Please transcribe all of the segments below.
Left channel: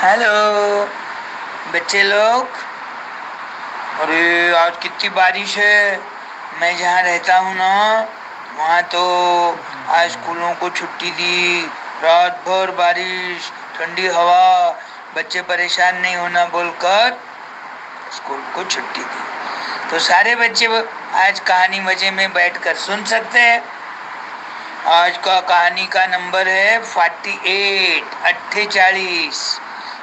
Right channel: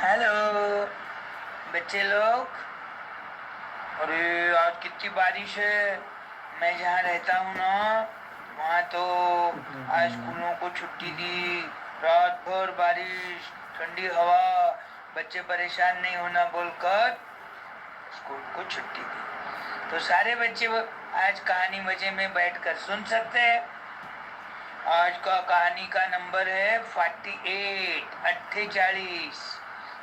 Hello बच्चे लोग। अरे आज कितनी बारिश है। मैं जहाँ रहता हूँ ना, वहाँ तो आज स्कूलों को छुट्टी दी। रात भर बारिश, ठंडी हवा, बच्चे परेशान नहीं होना बोलकर स्कूल को छुट्टी दी। तो सारे बच्चे आज कहानी मजे में बैठकर सुन सकते हैं। आज का कहानी का नंबर है 48 48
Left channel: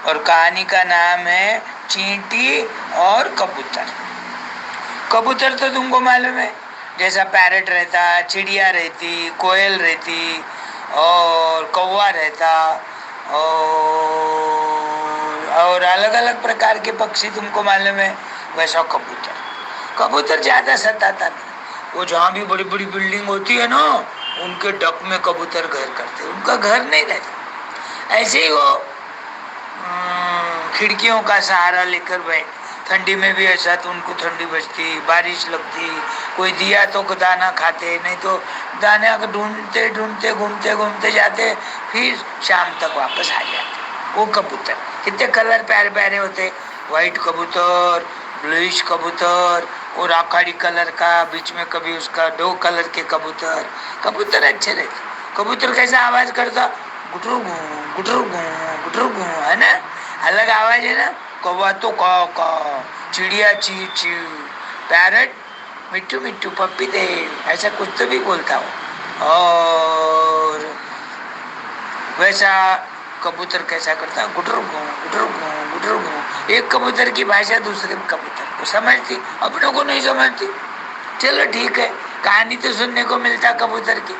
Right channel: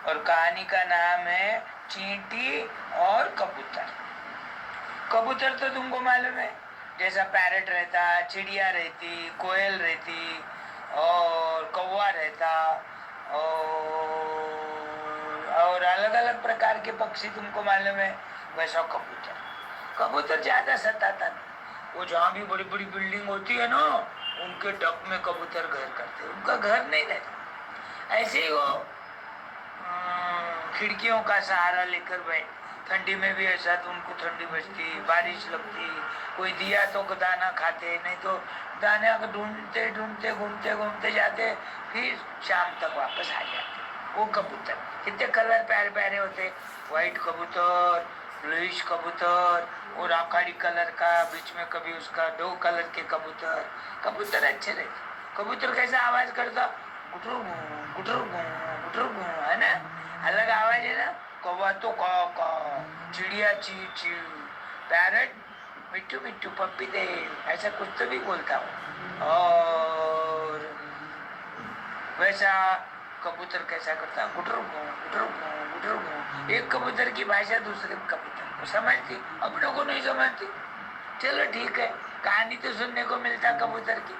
और कहानी का नाम है चींटी और कबूतर। कबूतर तो तुमको मालूम है, जैसा पैरट रहता, चिड़िया रहती, कोयल रहती और कौवा रहता और अलग अलग प्रकार के पक्षी तुमको मालूम है। वैसा कबूतर, कबूतर ज्यादा सताता नहीं। वो जहाँ भी बड़ी बड़ी बिल्डिंग होती है ना, उनके डक में कबूतर घर करते, उनका घर नहीं रहता। ऐसे ही वो खिड़कियों का सहारा लेकर बैठ, ठंडी में भी ऐसा तो उनको ठंडी बजती, बारिश लगती, कोई दिया तो दाना खाते, नहीं तो दाना को ढूंढते ढूंढते घूमते घूमते जाते, फिर शाम तक वापस आ जाते। वो कबूतर कितने कलर प्यारे प्यारे होते, व्हाइट कबूतर, ब्लूइश कबूतर और आकाड़ी कलर का, बीच में कभी उसका 2 कलर के कबूतर। कबूतर अच्छे रहते। कबूतर कैसा आवाज करता, गुटरू गू गुटरू गू गुटरू गू, है ना, अलग आवाज है ना। कौवा तो का, चिड़िया ची ची, पैरट मिट्टू मिट्टू पप्पी दे, ऐसा कुछ तो भी बोलता हूँ। और वैसा कबूतर कैसा करता, गुटर गू गुटर गू गुटर गू। एक कबूतर की भाषा दूसरे कबूतर को समझती, अपनों को नहीं समझती। चलो ठीक है, कहानी तो सुनने को मिलता कबूतर की।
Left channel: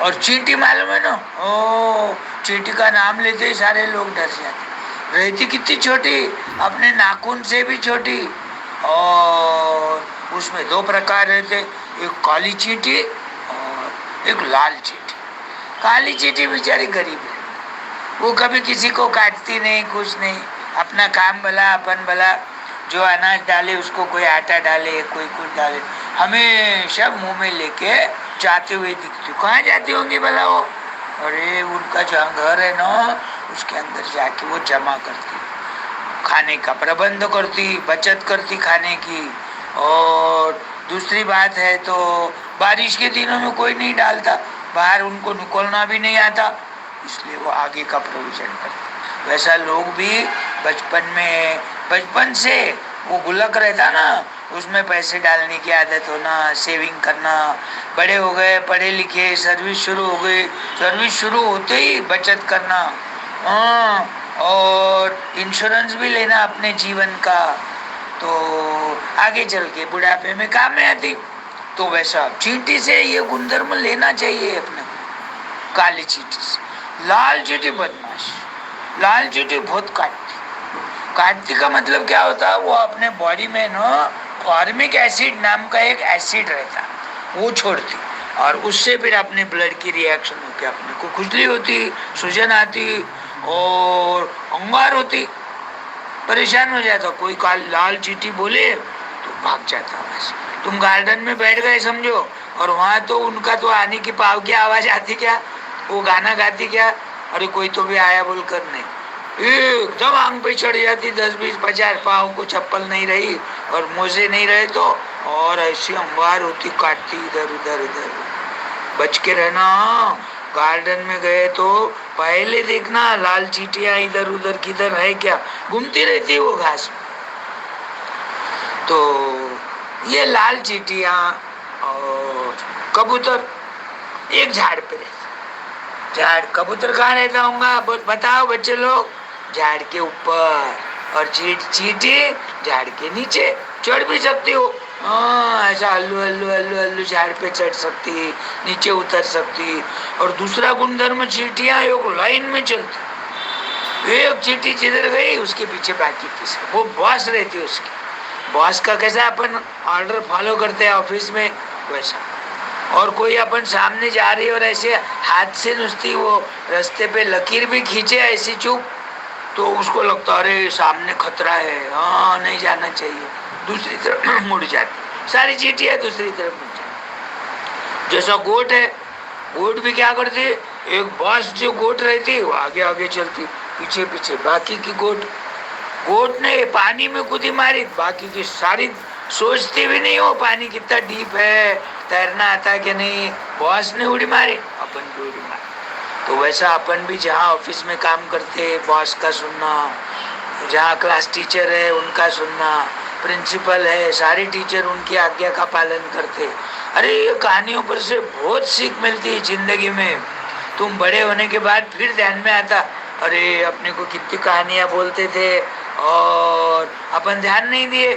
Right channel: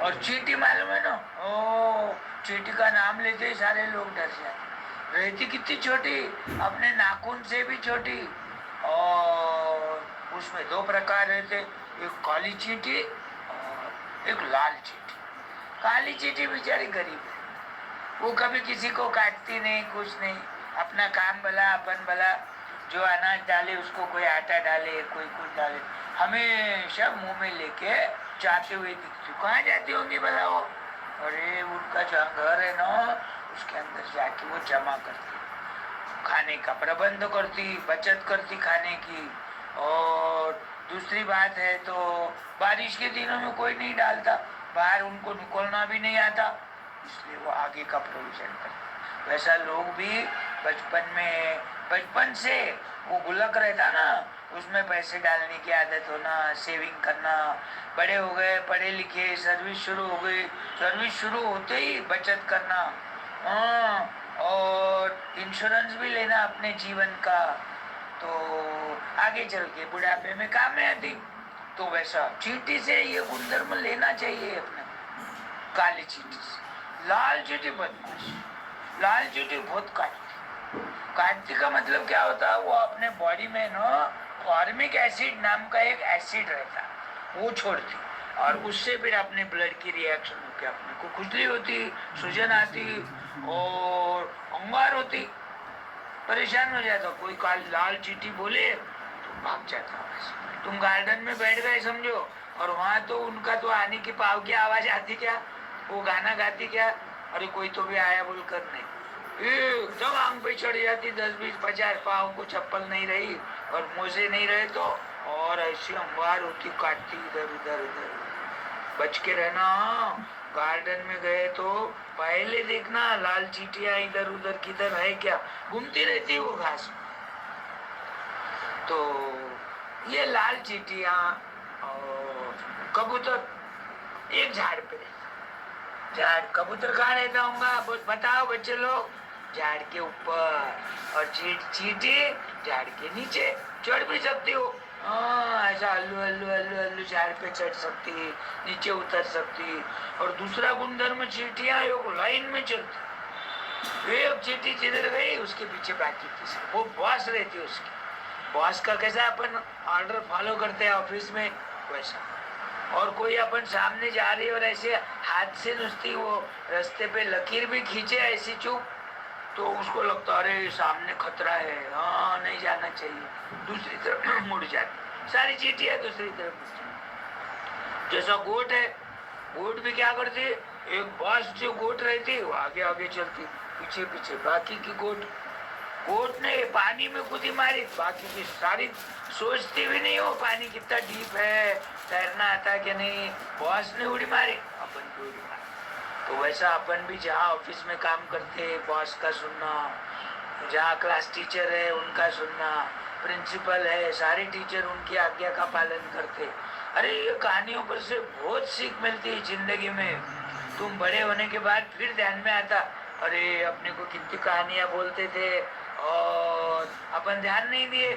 और चींटी मालूम है ना, ओ चींटी का नाम लेते ही सारे लोग डर जाते। रहती कितनी छोटी, अपने नाखून से भी छोटी। और उसमें 2 प्रकार रहते, एक काली चींटी और एक लाल चींटी। काली चींटी बेचारी गरीब है, वो कभी किसी को काटती नहीं, कुछ नहीं, अपना काम भला अपन भला। जो अनाज डाले उसको कोई आटा डाले, कोई कुछ डाले, हमेशा मुंह में लेके जाते हुए दिखती। कहाँ जाती होंगी भला वो? अरे उनका जहाँ घर है ना, उसके अंदर जाके वो जमा करती, खाने का प्रबंध करती, बचत करती खाने की। और दूसरी बात है तो बारिश के दिनों में कोई नहीं डालता, बाहर उनको निकलना भी नहीं आता, इसलिए वो आगे का प्रोविजन करते। वैसा लोग भी बचपन से वो गुल्लक रहता ना, उसमें पैसे डालने की आदत होना, सेविंग करना। बड़े हो गए, पढ़े लिखे, सर्विस शुरू हो गई, सर्विस शुरू होते ही बचत करना। हाँ, और इंश्योरेंस भी लेना अपने जीवन का, तो आगे चल के बुढ़ापे में काम में आती। तो वैसा चींटी से ये गुणधर्म लेना चाहिए अपने, काली चींटी से। लाल चींटी बदमाश, लाल चींटी बहुत काटती। काटती का मतलब क्या होता है, वो अपने बॉडी में ना फॉर्मिक एसिड नाम का एक एसिड रहता, वो छोड़ती, और उससे फिर अपने ब्लड की रिएक्शन होकर अपने को खुजली होती, सूजन आती और अंगार होती, परेशान हो जाता। कोई लाल चींटी बोले तो भाग जाता। बस तुम गार्डन में बैठ गए समझो, और वहां तो उनका तो आने की पाव की आवाज आती क्या, वो गाना गाती क्या, अरे कोई तो भी आया बोलकर नहीं, एकदम आंग पे चढ़ जाती। 10 20 50 पाव को चप्पल नहीं रही और मोजे नहीं रहे तो, और ऐसी अंगार होती, काटती इधर उधर इधर। बच के रहना, गार्डन में गए तो पहले देखना लाल चींटियां इधर उधर किधर है क्या, घूमती रहती वो घास में। तो ये लाल चींटियां और कबूतर एक झाड़ पे रहते। झाड़, कबूतर कहाँ रहता होगा बताओ बच्चे लोग? झाड़ के ऊपर, और चींटी झाड़ के नीचे। चढ़ भी सकती हो, हाँ, ऐसा हल्लू हल्लू हल्लू हल्लू झाड़ पे चढ़ सकती, नीचे उतर सकती। और दूसरा गुणधर्म, चींटियां एक लाइन में चलती, एक चींटी जिधर गई उसके पीछे बाकी तीसरी, वो बॉस रहती है उसकी। बॉस का कैसा अपन ऑर्डर फॉलो करते हैं ऑफिस में, वैसा। और कोई अपन सामने जा रही है और ऐसे हाथ से नुस्ती वो रास्ते पे लकीर भी खींचे ऐसी चुप, तो उसको लगता अरे सामने खतरा है, हाँ नहीं जाना चाहिए, दूसरी तरफ मुड़ जाती। सारी चींटियां दूसरी तरफ मुड़ जाती। जैसा गोट है, गोट भी क्या करती है, एक बॉस जो गोट रहती है वो आगे आगे चलती, पीछे पीछे, बाकी की गोट गोट ने पानी में कूदी मारी, बाकी की सारी सोचती भी नहीं हो पानी कितना डीप है, तैरना आता कि नहीं। बॉस ने उड़ी मारी, अपन भी उड़ी मारी। तो वैसा अपन भी जहाँ ऑफिस में काम करते बॉस का सुनना, जहाँ क्लास टीचर है उनका सुनना, प्रिंसिपल है सारी टीचर उनकी आज्ञा का पालन करते। अरे ये कहानियों पर से बहुत सीख मिलती है जिंदगी में। तुम बड़े होने के बाद फिर ध्यान में आता, अरे अपने को कितनी कहानियां बोलते थे और अपन ध्यान नहीं दिए,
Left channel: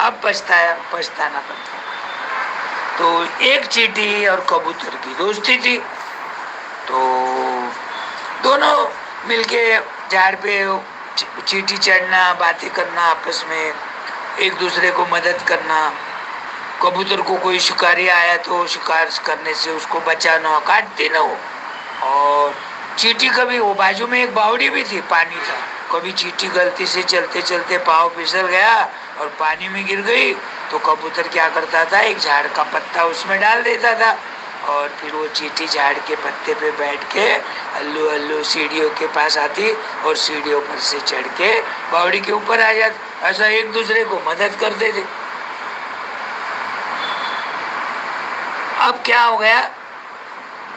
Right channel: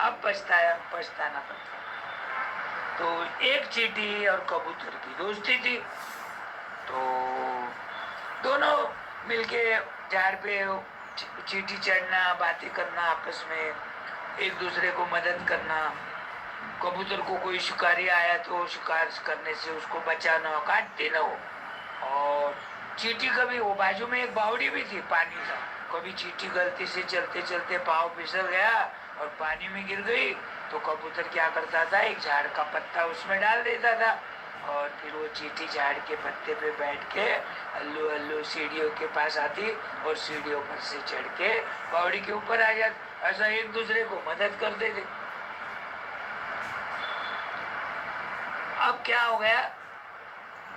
अब पछताना पड़ता। तो एक चींटी और कबूतर की दोस्ती थी, तो दोनों मिलके झाड़ पे चींटी चढ़ना, बातें करना आपस में, एक दूसरे को मदद करना। कबूतर को कोई शिकारी आया तो शिकार करने से उसको बचाना, काटती ना हो। और चींटी कभी, वो बाजू में एक बावड़ी भी थी, पानी था, कभी चींटी गलती से चलते चलते पाँव फिसल गया और पानी में गिर गई तो कबूतर क्या करता था, एक झाड़ का पत्ता उसमें डाल देता था और फिर वो चींटी झाड़ के पत्ते पे बैठ के अल्लू अल्लू सीढ़ियों के पास आती और सीढ़ियों पर से चढ़ के बावड़ी के ऊपर आ जाती। ऐसा एक दूसरे को मदद करते थे। अब क्या हो गया,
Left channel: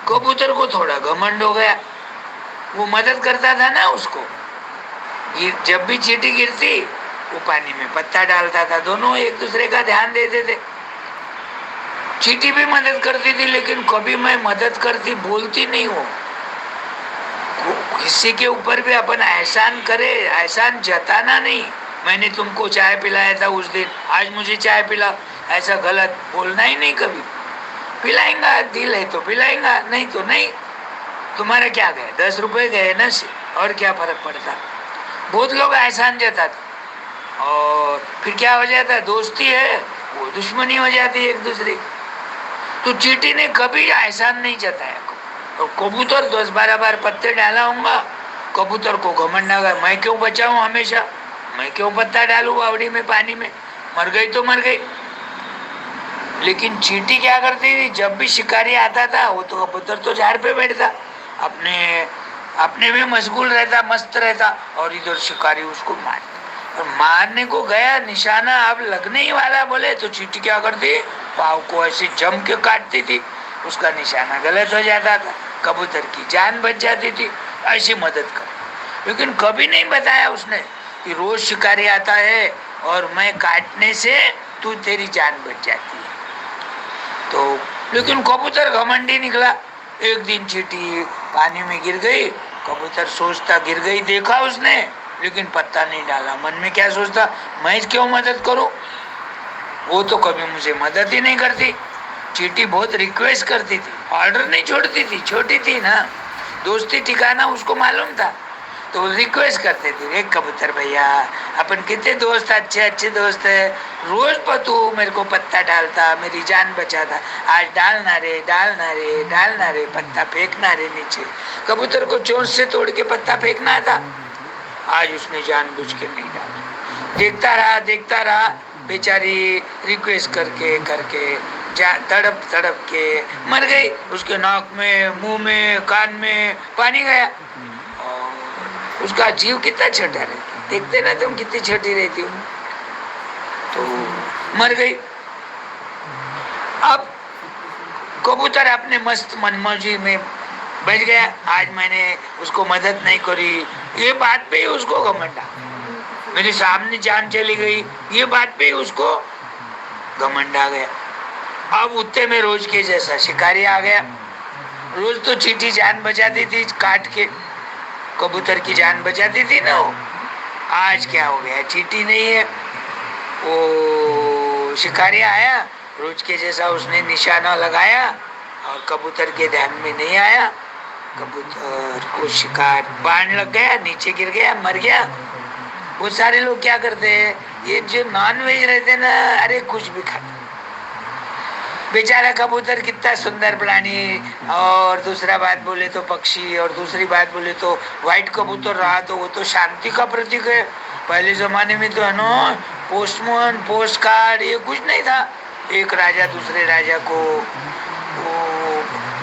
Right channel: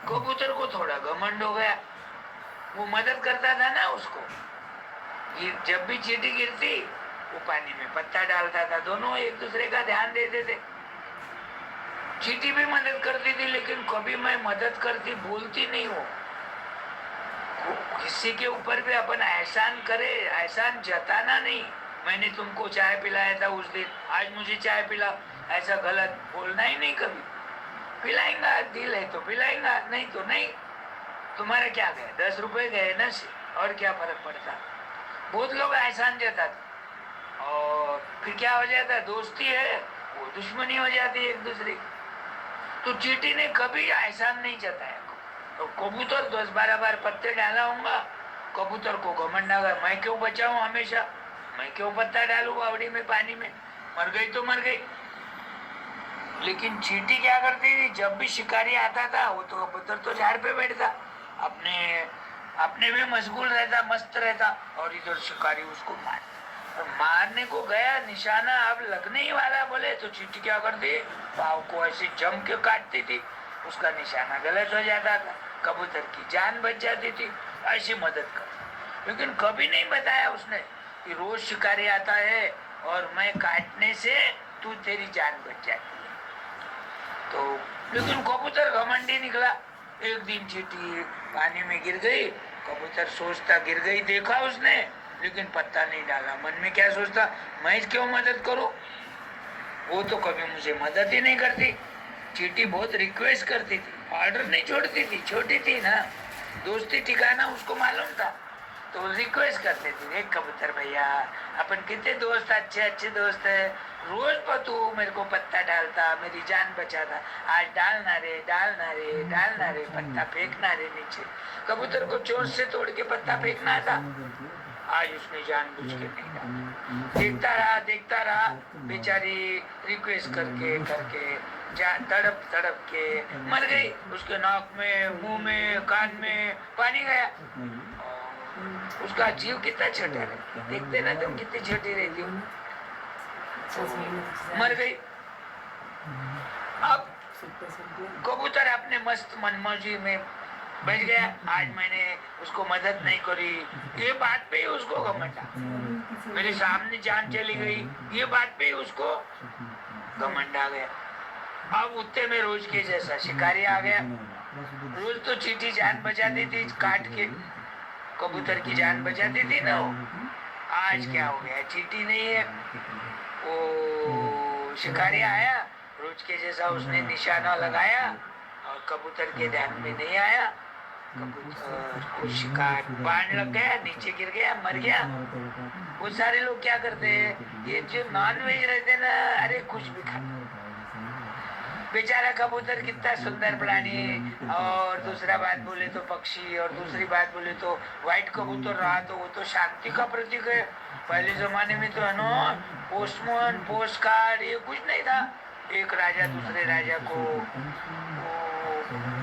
कबूतर को थोड़ा घमंड हो गया, वो मदद करता था ना उसको, जब भी चींटी गिरती वो पानी में पत्ता डालता था, दोनों एक दूसरे का ध्यान देते थे। चींटी भी मदद करती थी, लेकिन कभी मैं मदद करती बोलती नहीं हूँ। किसी के ऊपर भी अपन एहसान करे, एहसान जताना नहीं, मैंने तुमको चाय पिलाया था उस दिन, आज मुझे चाय पिला, ऐसा गलत बोलना ही नहीं कभी। पिलाएंगा, दिल है तो पिलाएंगा, नहीं तो नहीं। तुम्हारा क्या गए, 10 रुपए गए ना, और क्या फर्क पड़ता। बहुत लोग एहसान जताते और फिर क्या हो जाता है, दोस्ती है वो दुश्मनी हो जाती है एक दूसरे की। तो चींटी ने कभी एहसान नहीं जताया। और कबूतर 10-12 बार पत्ते डाला होगा, कबूतर को घमंड आ गया, मैं क्यों बचाऊं हमेशा, मैं क्यों पत्ता डालू बावड़ी में, पानी में, मर गई तो मर गई। लेकिन चींटी क्या करती थी, जब भी शिकारी आता था वो तो कबूतर तो झाड़ पे बैठता, अपने अपने में मशगूल रहता, मस्त रहता, और इधर शिकारी उसको और मारने को गया, निशाना अब लगने ही वाला बोले तो चींटी क्या करती, पाव को ऐसे जम के काटती थी, उसका निशाना गलत हो जाता था, कबूतर की जान बच जाती थी। ऐसी मदद कर, लेकिन कभी नहीं बताया उसने कि रोज शिकारी आता है और मैं काटने से तू तेरी जान बच जाती है। तो लेकिन कबूतर घमंडी निकला। एक दिन चींटी पानी में गिर गई, कबूतर सोचता, गिर गई देखा उसने लेकिन पत्ता नहीं डाला, मन में क्या सोचता, मैं क्यों मदद करूं, वो तो कभी मुझे मदद ही नहीं करती। चींटी बहुत रिक्वेस्ट करती थी, ऑर्डर नहीं छोड़ती थी, छोटी थी ना, दोस्ती ठिकाना उसको मालूम था, तो रिक्वेस्ट करते थे, एक कबूतर भैया अपन कितने दोस्त, अच्छे अच्छे दोस्त है, रोज पर तू मेरे को पत्ता डालता, मेरी जान बचाता, आज डालना रे डालना रे डालना रे, पत्ता फेंकना रे नीचे। कबूतर को चोंच से तोड़ के पत्ता फेंकना था, आज उसने जानबूझ के नहीं डाला। देखता रहा बेचारी रिक्वेस्ट करके करके तड़प तड़प के मर गई, उसके नाक में, मुंह में, कान में पानी गया। उसका जीव कितना छोटा रहता, देखते ना तुम कितनी छोटी रहती हूँ, तो मर गई। अब कबूतर अपने मस्त मनमौजी में बच गया, आज मैंने उसको मदद नहीं करी, ये बात पे ही उसको घमंड, मेरे सामने जान चली गई, ये बात पे ही उसको घमंड आ गया। अब उत्ते में रोज के जैसा शिकारी आ गया, रोज तो चींटी जान बचाती थी काट के, कबूतर की जान बचाती थी ना वो, आज क्या हो गया, चींटी नहीं है, वो शिकारी आया, रोज के जैसा उसने निशाना लगाया और कबूतर के ध्यान में नहीं आया, कबूतर को शिकार बाण लग गया, नीचे गिर गया, मर गया। बहुत सारे लोग क्या करते हैं, ये जो नॉन वेज रहते ना, अरे कुछ भी खाते, बेचारा कबूतर कितना सुंदर प्राणी, और दूसरा बात बोले तो पक्षी, और दूसरी बात बोले तो व्हाइट कबूतर रहा तो वो तो शांति का प्रतीक है। पहले जमाने में तो है ना, पोस्टमैन, पोस्ट कार्ड, ये कुछ नहीं था। एक राजा दूसरे राजा को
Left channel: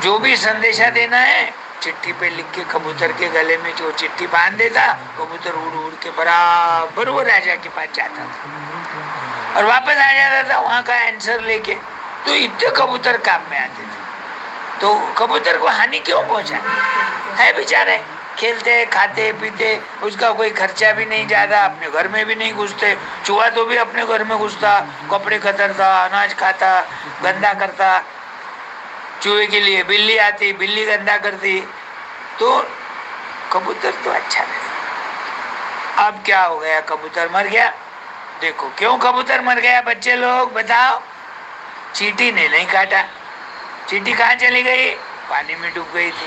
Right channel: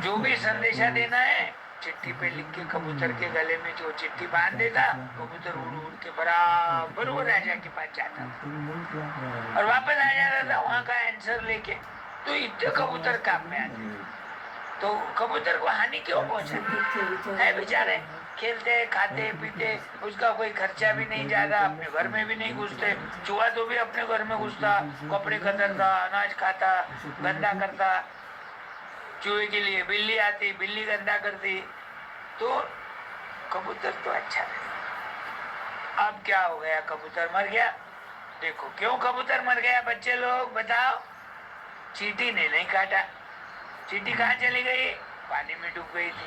जो भी संदेशा देना है चिट्ठी पे लिख के कबूतर के गले में जो चिट्ठी बांध देता, कबूतर उड़ उड़ के बराबर वो राजा के पास जाता था और वापस आ जाता था वहां का आंसर लेके। तो इतने कबूतर काम में आते थे। तो कबूतर को हानि क्यों पहुंचाती है? बेचारे खेलते खाते पीते, उसका कोई खर्चा भी नहीं ज्यादा, अपने घर में भी नहीं घुसते। चूहा तो भी अपने घर में घुसता, कपड़े कतरता, अनाज खाता, गंदा करता। चूहे के लिए बिल्ली आती, बिल्ली गंदा करती। तो कबूतर तो अच्छा नहीं। अब क्या हो गया? कबूतर मर गया। देखो क्यों कबूतर मर गया बच्चे लोग बताओ? चींटी ने नहीं काटा। चींटी कहाँ चली गई? पानी में डूब गई थी।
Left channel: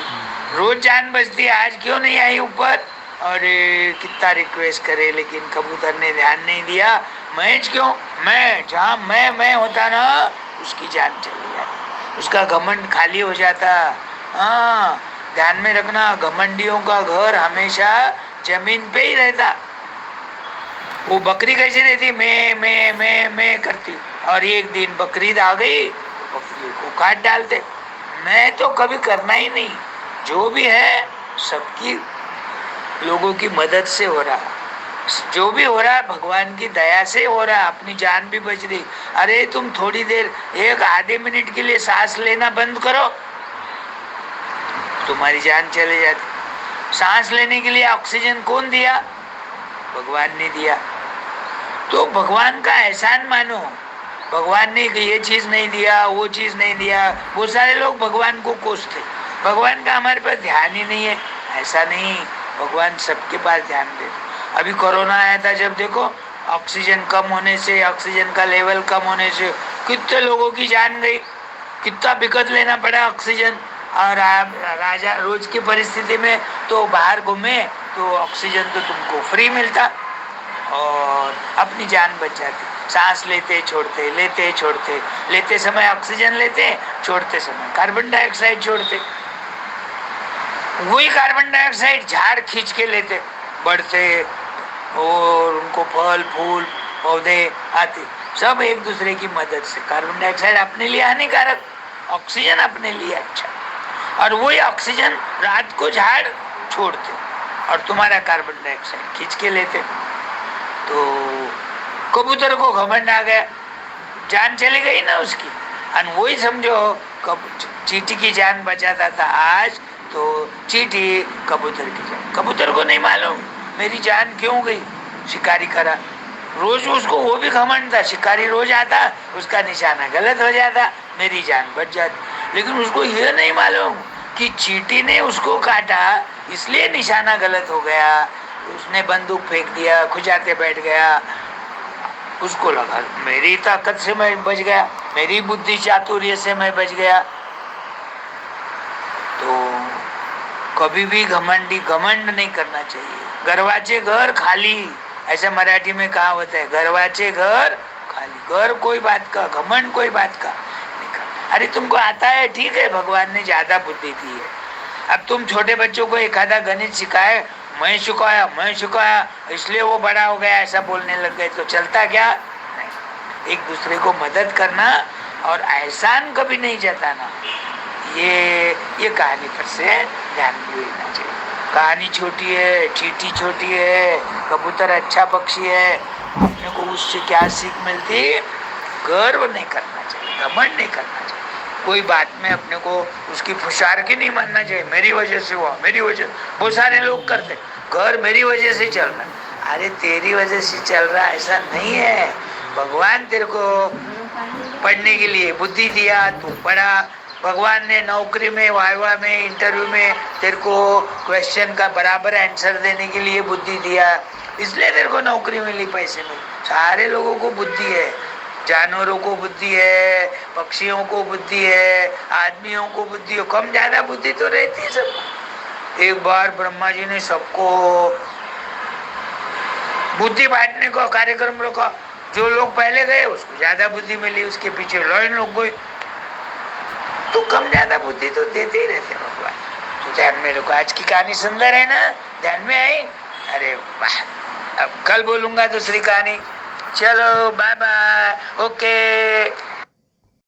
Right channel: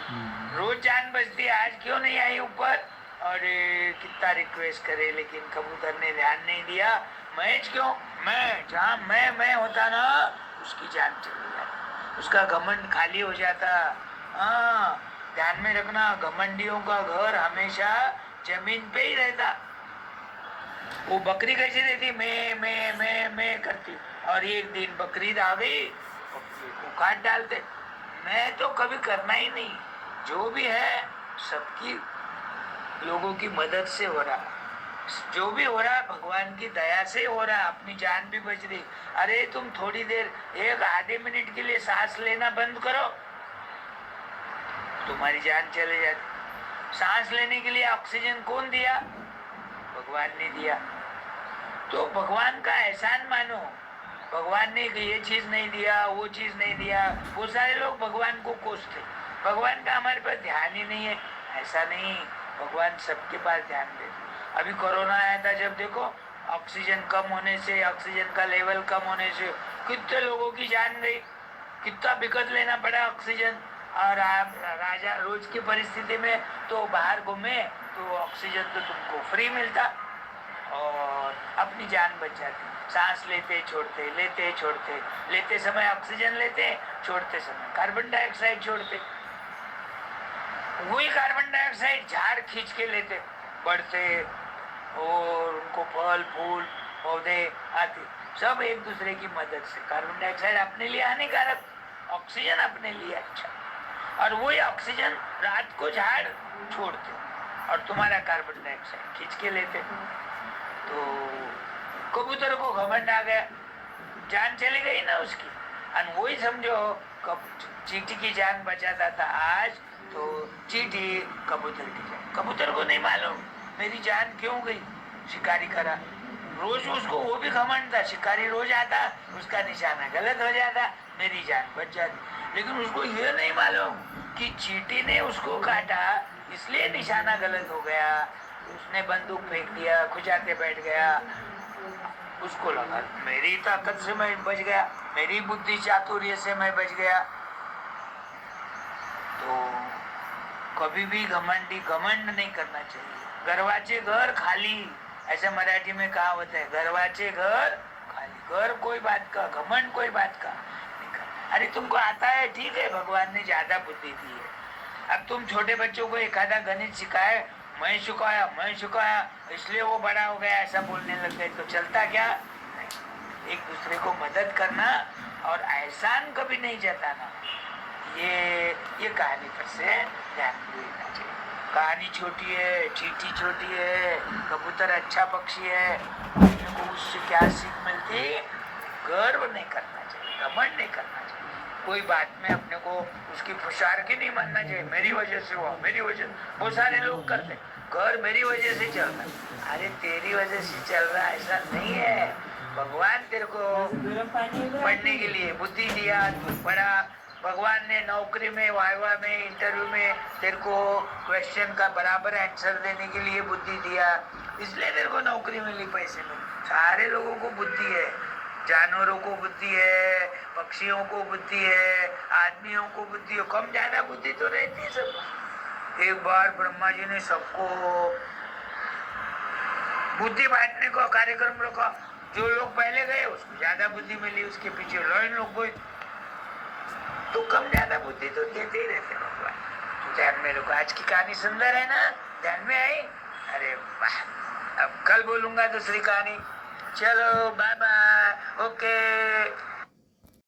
रोज जान बचती, आज क्यों नहीं आई ऊपर? अरे कितना रिक्वेस्ट करे लेकिन कबूतर ने ध्यान नहीं दिया। मैं क्यों? मैं जहाँ मैं होता ना, उसकी जान चली जाती, उसका घमंड खाली हो जाता। हाँ ध्यान में रखना, घमंडियों का घर हमेशा जमीन पे ही रहता। वो बकरी कैसे रहती? मैं करती, और एक दिन बकरीद आ गई, बकरी को काट डालते। मैं तो कभी करना ही नहीं। जो भी है सबकी लोगों की मदद से हो रहा, जो भी हो रहा भगवान की दया से हो रहा, अपनी जान भी बच रही। अरे तुम थोड़ी देर, एक आधे मिनट के लिए सांस लेना बंद करो, तुम्हारी जान चले जाती। सांस लेने के लिए ऑक्सीजन कौन दिया? भगवान ने दिया। तो भगवान का एहसान मानो। भगवान ने ये चीज नहीं दिया, वो चीज नहीं दिया। बहुत सारे लोग भगवान को कोसते, भगवान का हमारे पास ध्यान ही नहीं है। ऐसा नहीं, भगवान सबके पास ध्यान देते। अभी कोरोना आया था जब देखो, ऑक्सीजन कम होने से, ऑक्सीजन का लेवल कम होने से कितने लोगों की जान गई, कितना दिक्कत लेना पड़ा ऑक्सीजन। और आप राजा रोज की परिस्थिति में तो बाहर घूमे तो ऑक्सीजन तो तुमको फ्री मिलता और अपनी जान बच जाती। सांस लेते छोड़ते, लेते छोड़ते, लेते समय ऑक्सीजन लेते, छोड़ते समय कार्बन डाइऑक्साइड छोड़ते। वही कार्बन डाइऑक्साइड झाड़ खींच के लेते, बढ़ते और उनको फल फूल पौधे आते, सब एक दूसरे की मदद से। कार्बन डाइऑक्साइड अपने लिए हानिकारक, ऑक्सीजन अपने लिए अच्छा। और वही ऑक्सीजन रात को झाड़ छोड़ते और तुम्हारा कार्बन डाइऑक्साइड खींच के लेते। तो कबूतर को घमंड आ गया, जान चली गई ना उसकी। और वही समझो चींटी की जान बचाता था आज, तो चींटी कबूतर की जान। कबूतर को नहीं मालूम मेरी जान क्यों गई। शिकारी करा रोज, उसको वो भी घमंड था, शिकारी रोज आता, उसका निशाना गलत हो जाता, मेरी जान बच जाती। लेकिन उसको ये नहीं मालूम कि चींटी ने उसको काटा, इसलिए निशाना गलत हो गया। उसने बंदूक फेंक दिया, खुजाते बैठ गया। उसको लगा मेरी ताकत से मैं बच गया, मेरी बुद्धि चातुर्य से मैं बच गया। तो कभी भी घमंड नहीं करना चाहिए। गरवाचे घर खाली, ऐसे मराठी में कहा होता है, गरवाचे घर खाली। घर कोई बात का, घमंड कोई बात का नहीं। अरे तुमको आता है ठीक है, भगवान ने ज्यादा बुद्धि दी है। अब तुम छोटे बच्चों को एक आधा गणित सिखाए, मैं सिखाया इसलिए वो बड़ा हो गया, ऐसा बोलने लग गए तो चलता क्या? नहीं। एक दूसरे को मदद करना और एहसान कभी नहीं जताना, ये कहानी पर से ध्यान देना चाहिए। कहानी छोटी है, चींटी छोटी है, कबूतर अच्छा पक्षी है, अपने को उससे क्या सीख मिलती? गर्व नहीं करना चाहिए, घमंड नहीं करना चाहिए। कोई बात में अपने को उसकी फुशारकी नहीं मानना चाहिए, मेरी वजह से हुआ, मेरी वजह। बहुत सारे लोग करते, घर मेरी वजह से चल रहा। अरे तेरी वजह से चल रहा ऐसा नहीं है। भगवान तेरे को पढ़ने के लिए बुद्धि दिया, तू पढ़ा। भगवान ने नौकरी में, वाइवा में, इंटरव्यू में तेरे को क्वेश्चन का बराबर आंसर देने के लिए बुद्धि दिया, इसलिए तेरे को नौकरी मिली, पैसे मिले। सारे लोगों को बुद्धि है, जानवरों को बुद्धि है, पक्षियों को बुद्धि है, आदमियों को बुद्धि है, कम ज्यादा बुद्धि तो रहती है सब। एक बार ब्रह्मा जी ने सबको बुद्धि बांटने का कार्यक्रम रखा। जो लोग पहले गए उसको ज्यादा बुद्धि मिली, उसके पीछे लाइन लोग गए। तो कम ज्यादा बुद्धि तो देते ही रहते भगवान। तो ध्यान में रखो, आज की कहानी सुंदर है ना, ध्यान में आई? अरे वाह, अब कल बोलूंगा दूसरी कहानी। चलो बाय बाय, ओके।